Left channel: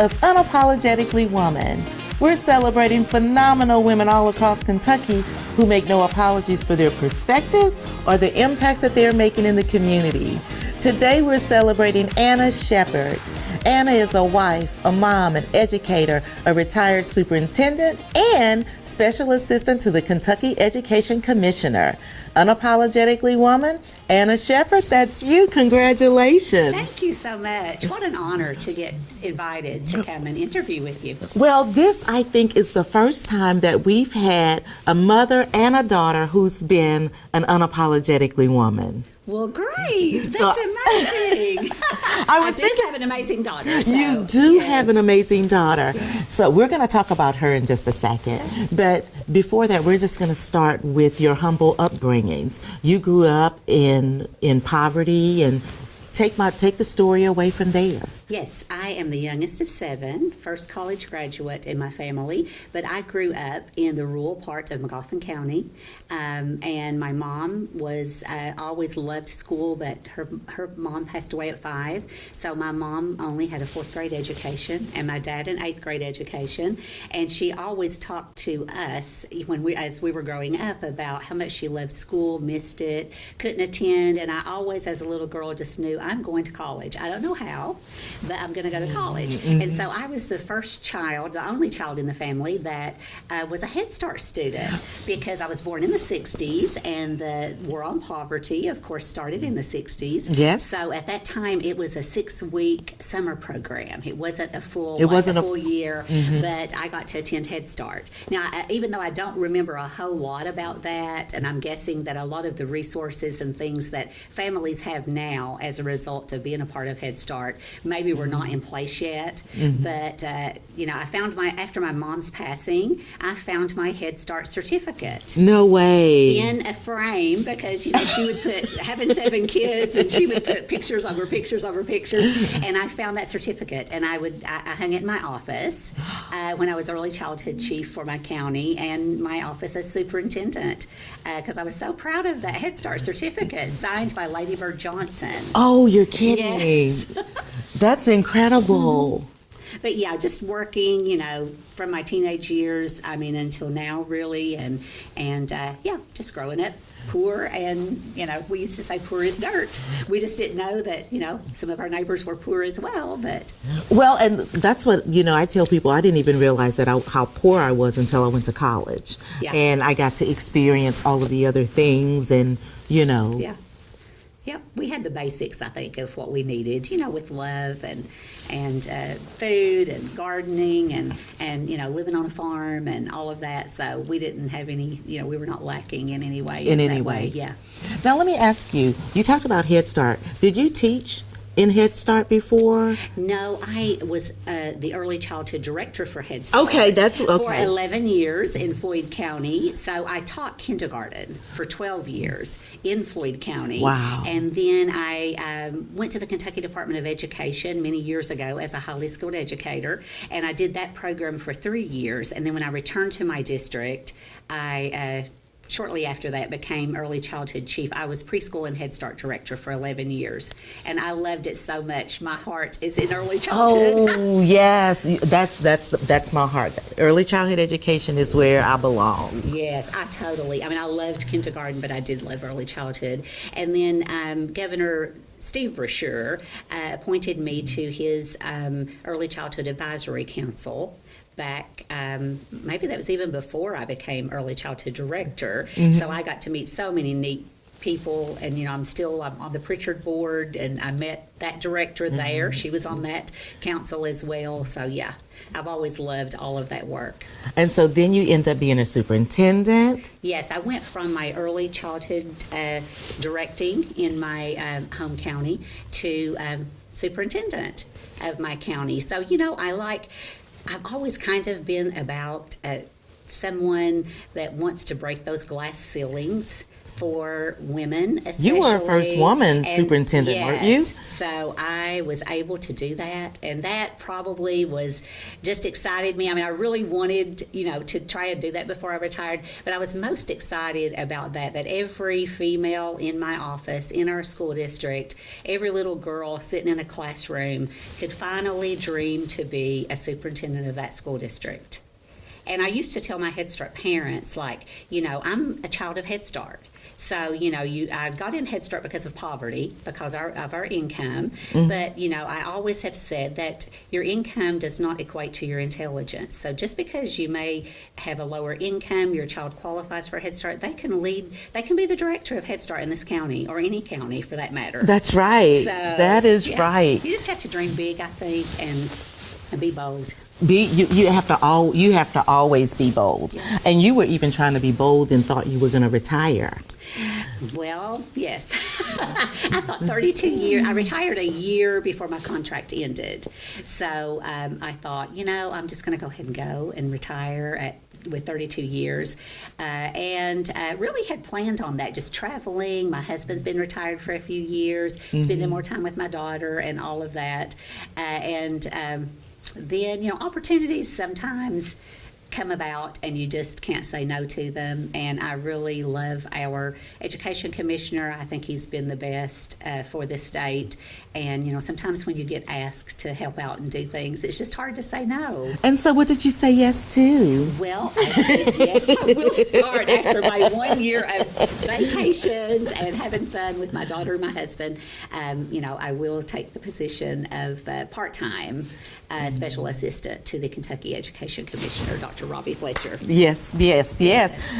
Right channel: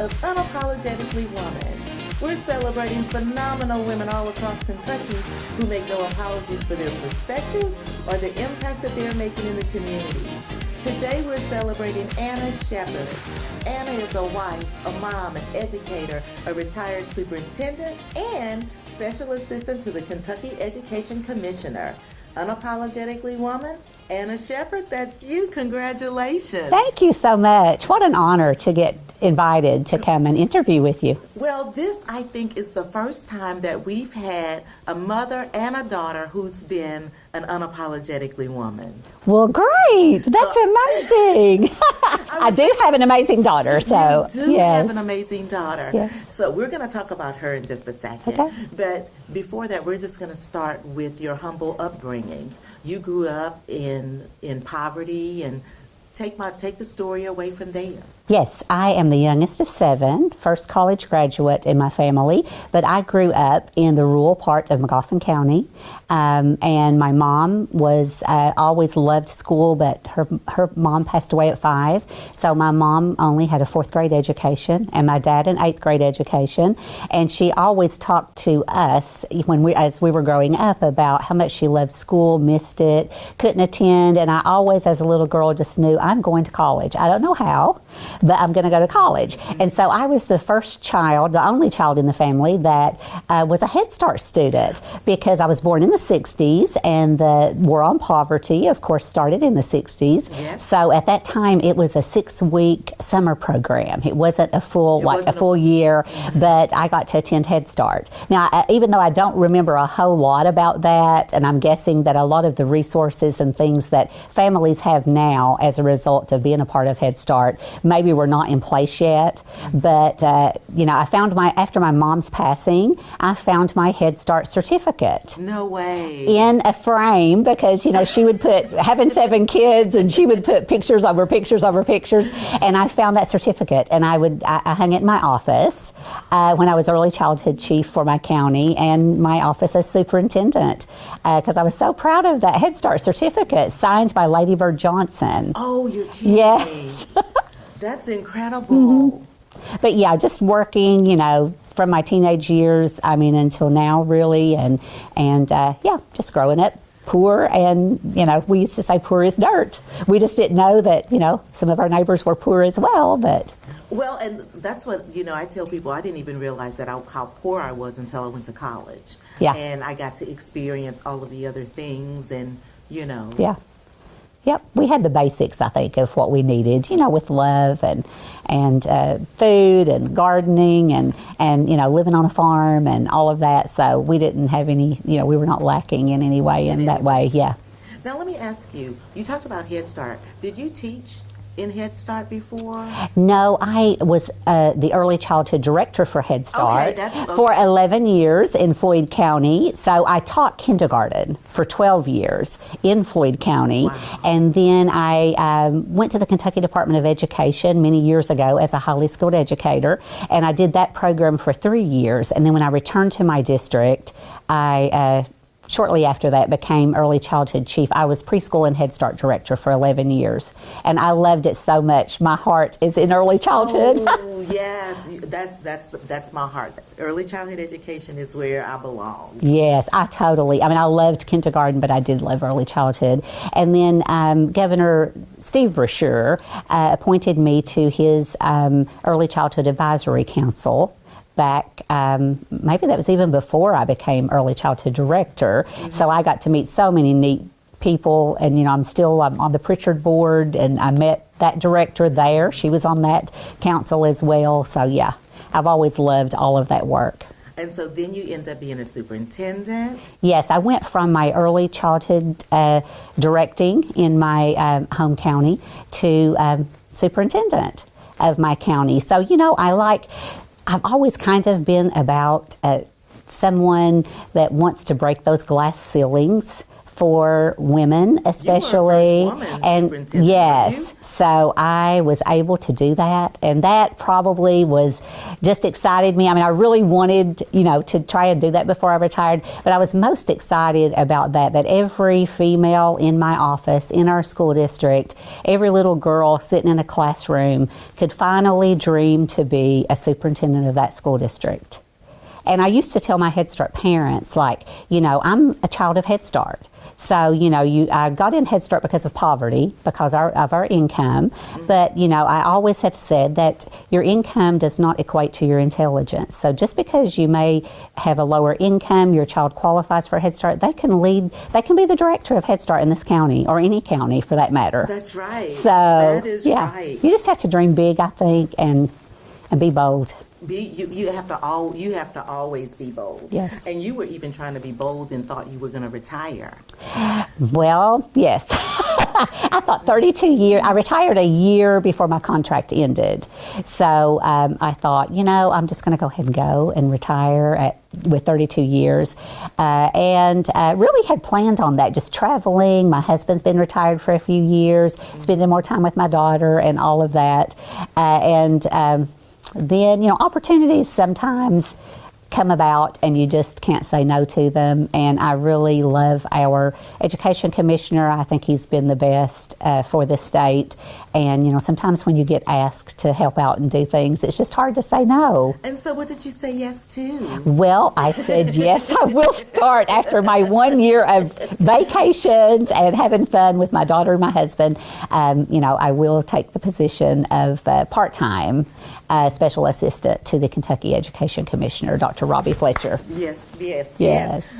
of Unapologetically Woman. We're celebrating phenomenal women all across Kentucky who make no apologies for their perspectives or the impacts that they're making in the community. Today we're celebrating Anna Shepherd. Anna is a wife, a mom, an educator, a retired superintendent, and special assistant to the Kentucky Education Commissioner. Unapologetically Woman, Anna Shepherd, that's you. Congratulations. Thank you so much. What an honor to get invited to come and interview with you. Well, this, I think, is the first time that we've had a mother and a daughter who's been an unapologetically woman. Well, great. That's amazing. I do have an amazing daughter. So, you do yes. have an amazing daughter. Yes. So we're going to talk about her in just a second. Okay. But before that, we're just going to start with your humble upbringings. You grew up in poverty, and take the story away from there. Yes, I am the youngest of 7, first college graduate in my family, but I grew up in the rural part of McGoffin County, and my mom was always loved school, but her mom passed away at 5, so my mom only had a 4th grade education, and my dad an 8th grade education, and she always talked to us as we were growing up about how much she loved school, missed it, couldn't attend, and I always, as a little girl, just knew I'm going to college. I don't know how, but I'm going to go to college. Mm-hmm. And so I was the first child, the only child in the family that was a Head Start student, because I was born in the 60s, and the war on poverty, of course, started in the 60s. Yes. So at that time, it was a 6-week summer program. It wasn't a full year, mm-hmm. but I got to attend Head Start. Now, even though I don't remember a whole lot about that, and I'm guessing that a lot of the resources and things that families have now as a result of being a part of Head Start maybe were not in place yet, mm-hmm. but I found after my mom's passing, I found my Head Start certificate. No way. In a frame, because she would put having 7 kids, and she would put pictures over pictures over pictures, and I found that certificate, and I hung it in my office when I was early childhood chief for my county, and my office as superintendent, because I was so proud of that Head Start certificate signed by Lady Bird Johnson. Oh, you're kidding. Yes. That's incredible. Mm-hmm. But yeah, just working, from my teenage years, until now, really, and just growing up poor, and we used to say poor as dirt. We just didn't know that some of our neighbors were poor as well. But and that's what I tell people. I didn't even realize that how poor I was until I went to college. Yeah. And I got to experience all of the other things, and Yeah. Yep, we had the basics, I think, of what we needed, with love and food and gardening and living on a farm and all of that. So we didn't have any, we were not lacking in any way in that way. Yeah. Now let me ask you. You talked about Head Start. Did you teach in Head Start before? No, I was the early childhood director for Head Start. Okay, for 11 years in Floyd County. So I taught kindergarten for 12 years in Floyd County. Wow. And then I went to the Kentucky Department of Education many years ago as a highly skilled educator, and I did that program for 3 years. And then when I returned to my district, I shortly after that became early childhood chief. I was preschool and Head Start director for 11 years, and I loved it so much. My heart is in early childhood. Oh yes, that's my heart. Early childhood education is where I belong. Yes, I loved kindergarten, but I did love early childhood. And then Governor Steve Brashear appointed me to his early childhood advisory council back, maybe that was even before I became early childhood director. Mm-hmm. So I got to meet so many neat people, and I'm on the Pritchard board, and I met that director there. Mm-hmm. She was on that council as well. So yeah, I've always loved all of that work. And so then you end up being a superintendent? Yes, I went from my early childhood directing in my home county to superintendent of my county. So I've always kind of been about someone that wants to break those glass ceilings for women, especially. You were our first woman superintendent, yes, weren't you? So I was able to do that, and that probably was just excited me. I mean, I really wanted, to try and do that before I retired, but I was most excited about that every female in my office, in our school district, every little girl sitting in a classroom could finally dream to be a superintendent of that school district. And I used to tell my Head Start parents, I'm a child of Head Start. So, I got in Head Start because of poverty, because of our income. Mm-hmm. But, I always have said that your income does not equate to your intelligence. So just because you may have a lower income, your child qualifies for Head Start, they can be the director of Head Start in this county, or any county for that matter. That's right. So, that is right. You just have to dream big, I think, and be bold. You have to always be bold. Yes. And you were even trying to be bold and thought you were going to retire. Well, yes. I thought 32 years. I retired a year before my contract ended. So I thought, I'm just going to go ahead and go and retire with 32 years. And really had planned on that, just traveling. My husband's been retired for a few years, spending more time with my daughter and all of that. Then, opportunities sometimes come about and you just can't say no to them. And I really love our education commissioner. I think he's been the best for this state. And, sometimes when you get asked to help out and do things, it's just hard to say no. And so what did you say yes to? Well, I said, yes, I will start after my 1 year of vacations and having fun with my daughter and my husband. I will take the position of part-time special assistant to the Kentucky Education Commissioner, Dr. Robbie Fletcher. Yes.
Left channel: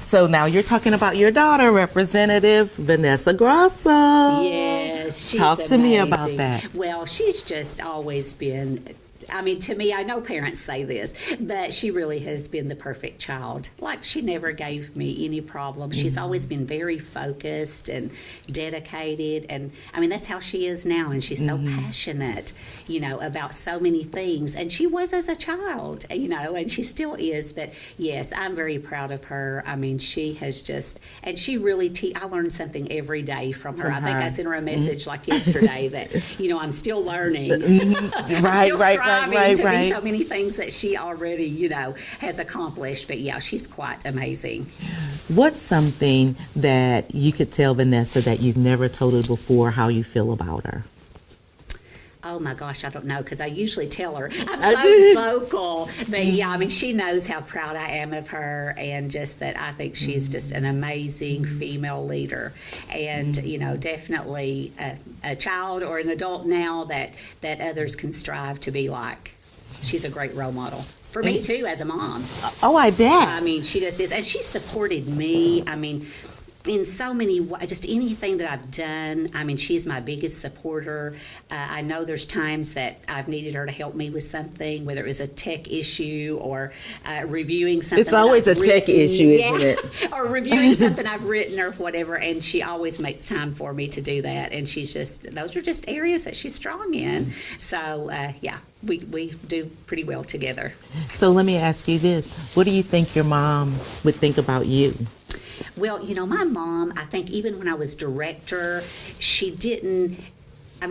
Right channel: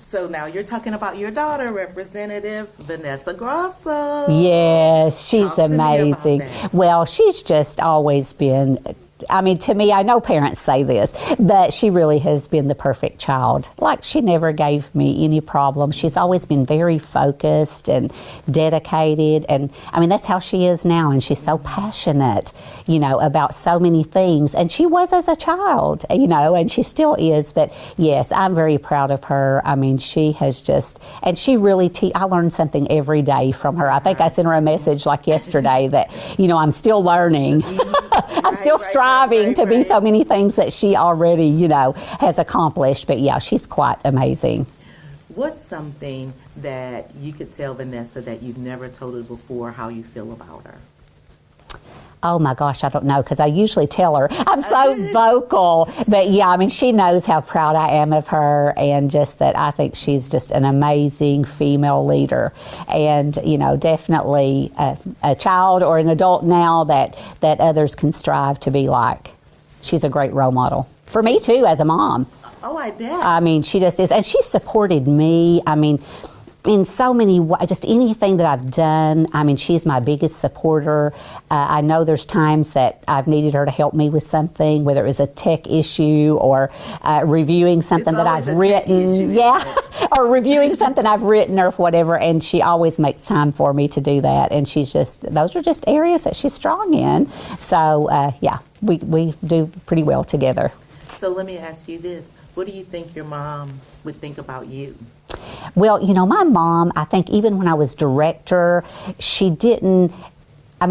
So now you're talking about your daughter, Representative Vanessa Grosso. Yes, she's Talk amazing. to me about that. Well, she's just always been, to me, I know parents say this, but she really has been the perfect child. She never gave me any problems. She's always been very focused and dedicated. And, that's how she is now. And she's so passionate, about so many things. And she was as a child, and she still is. But, yes, I'm very proud of her. She has just, and she really, I learned something every day from her. I think I sent her a message yesterday that, I'm still learning. I'm still striving to be so many things that she already, has accomplished. But yeah, she's quite amazing. What's something that you could tell Vanessa that you've never told her before how you feel about her? Oh my gosh, I don't know, because I usually tell her. I'm so vocal. But yeah, she knows how proud I am of her, and just that I think she's just an amazing female leader. And, definitely a child or an adult now that others can strive to be like. She's a great role model. For me, too, as a mom. Oh, I bet. She just is. And she supported me. In so many ways, just anything that I've done, she's my biggest supporter. I know there's times that I've needed her to help me with something, whether it was a tech issue or reviewing something that I've written. It's always a tech issue, isn't it? Or reviewing something I've written or whatever, and she always makes time for me to do that. And those are just areas that she's strong in. So, we do pretty well together. So let me ask you this. What do you think your mom would think about you? Well, my mom, I think even when I was director, she didn't,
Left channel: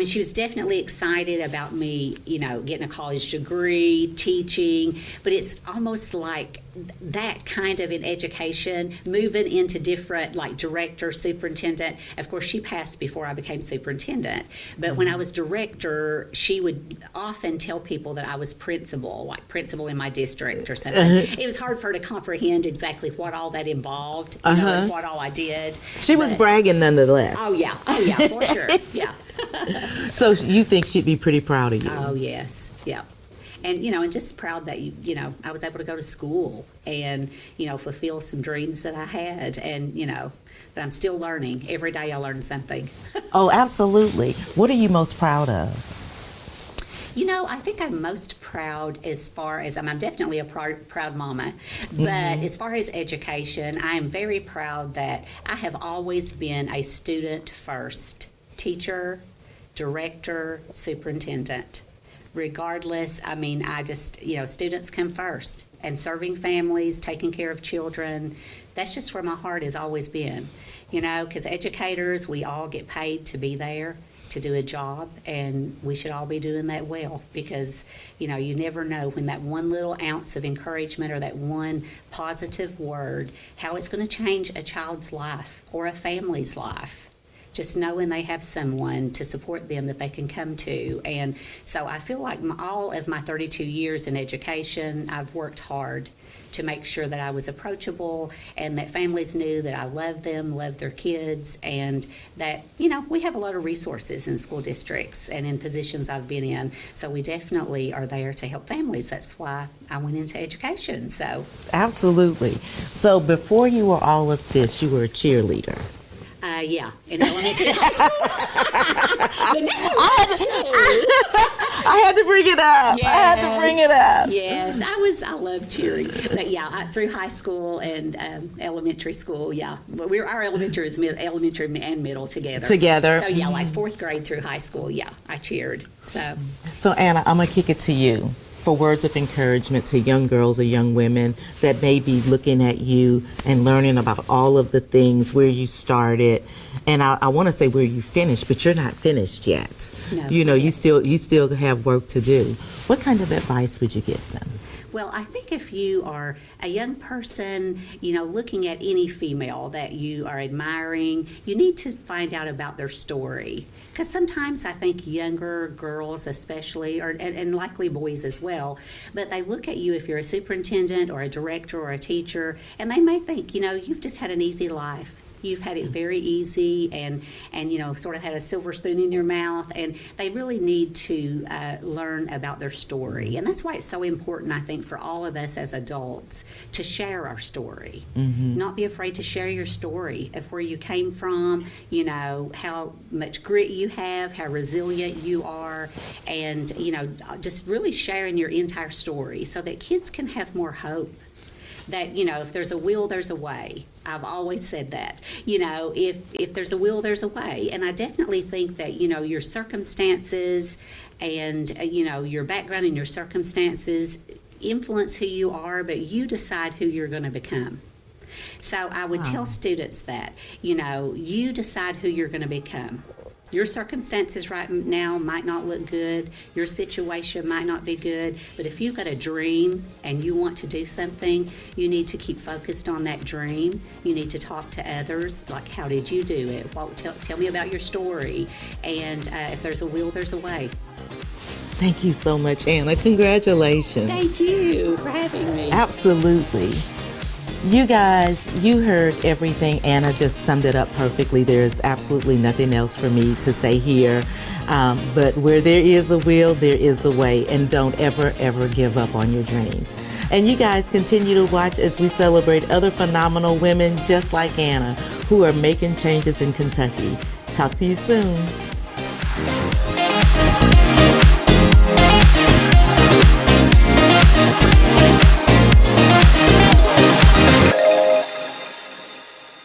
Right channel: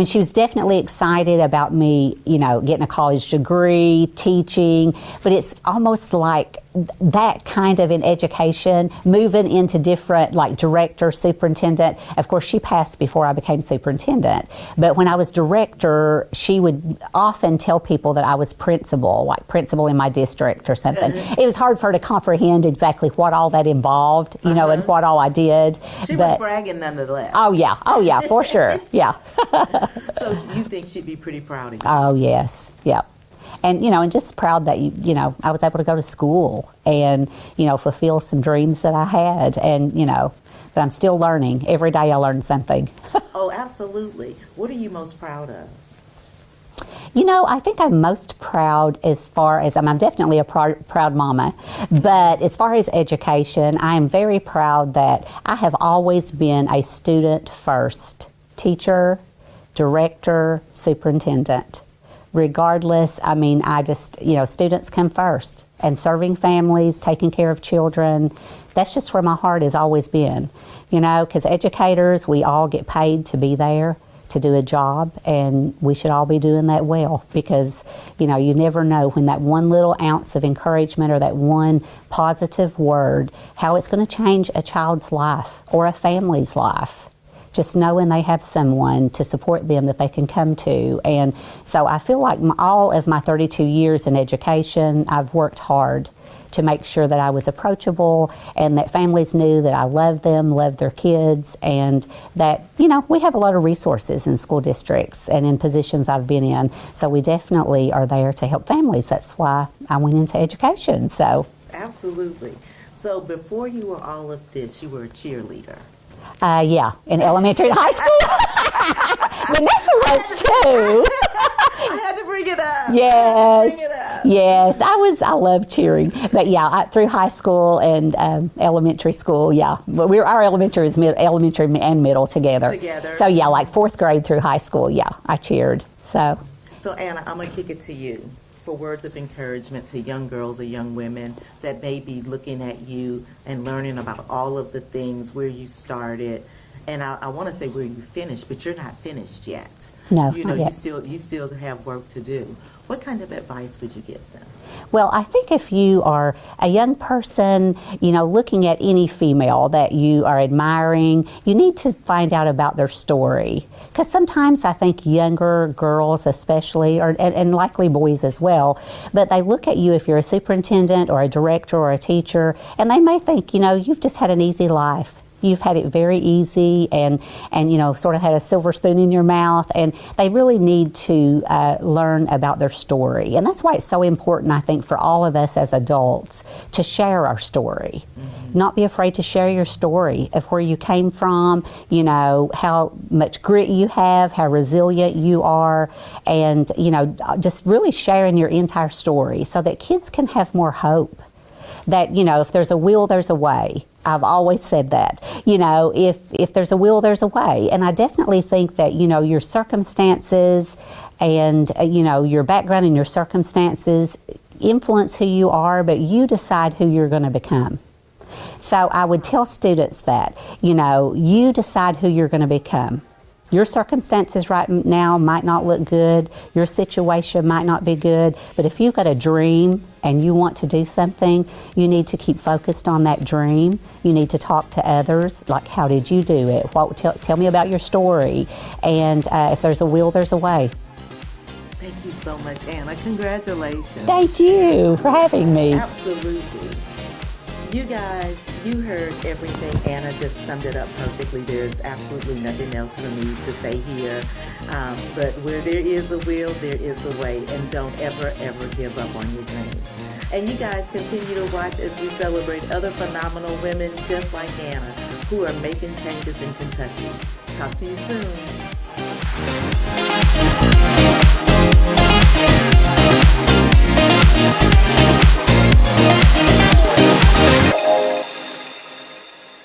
she was definitely excited about me, getting a college degree, teaching, but it's almost like that kind of in education, moving into different, director, superintendent. Of course, she passed before I became superintendent, but when I was director, she would often tell people that I was principal, principal in my district or something. It was hard for her to comprehend exactly what all that involved, and what all I did. She was bragging nonetheless. Oh yeah, for sure, yeah. So you think she'd be pretty proud of you? Oh yes, yeah. And, and just proud that, I was able to go to school and, fulfill some dreams that I had. And, but I'm still learning. Every day I learn something. Oh, absolutely. What are you most proud of? I think I'm most proud as far as, I'm definitely a proud mama, but as far as education, I am very proud that I have always been a student first teacher, director, superintendent. Regardless, I just, students come first. and serving families, taking care of children. That's just where my heart has always been, because educators, we all get paid to be there, to do a job, and we should all be doing that well, because you never know when that one little ounce of encouragement or that one positive word, how it's going to change a child's life or a family's life. Just knowing they have someone to support them that they can come to. And so I feel like all of my 32 years in education, I've worked hard to make sure that I was approachable and that families knew that I loved them, loved their kids, and that, we have a lot of resources in school districts and in positions I've been in. So we definitely are there to help families. That's why I went into education. So absolutely. So before you were all of this, you were a cheerleader. Yeah, in elementary and high school. Vanessa was too. I had to bring it up. Yes. I had to bring it up. Yes, I love cheering. But yeah, through high school and elementary school, yeah. But our elementary is elementary and middle together. So yeah, like 4th grade through high school, yeah, I cheered. So Anna, I'm going to kick it to you for words of encouragement to young girls or young women that may be looking at you and learning about all of the things, where you started. And I want to say where you finished, but you're not finished yet. No, you still have work to do. What kind of advice would you give them? Well, I think if you are a young person, looking at any female that you are admiring, you need to find out about their story. Because sometimes I think younger girls especially, and likely boys as well, but they look at you if you're a superintendent or a director or a teacher, and they may think, you've just had an easy life. You've had it very easy and sort of had a silver spoon in your mouth, and they really need to learn about their story. And that's why it's so important, I think, for all of us as adults to share our story. Mm-hmm. Not be afraid to share your story of where you came from, how much grit you have, how resilient you are, and, just really sharing your entire story so that kids can have more hope. That, if there's a will, there's a way. I've always said that. If there's a will, there's a way. And I definitely think that, your circumstances and, your background and your circumstances influence who you are, but you decide who you're going to become. So I would tell students that, you decide who you're going to become. Your circumstances right now might not look good. Your situation might not be good. But if you've got a dream and you want to do something, you need to keep focused on that dream. You need to talk to others, like, how did you do it? Tell me about your story. And if there's a will, there's a way. Thank you so much, Anna. Congratulations. Thank you for having me. Absolutely. You guys, you heard everything. Anna just summed it up perfectly. There's absolutely nothing else for me to say here. But where there is a will, there is a way. And don't ever, ever give up on your dreams. And you guys continue to watch as we celebrate other phenomenal women just like Anna who are making changes in Kentucky. Talk to you soon.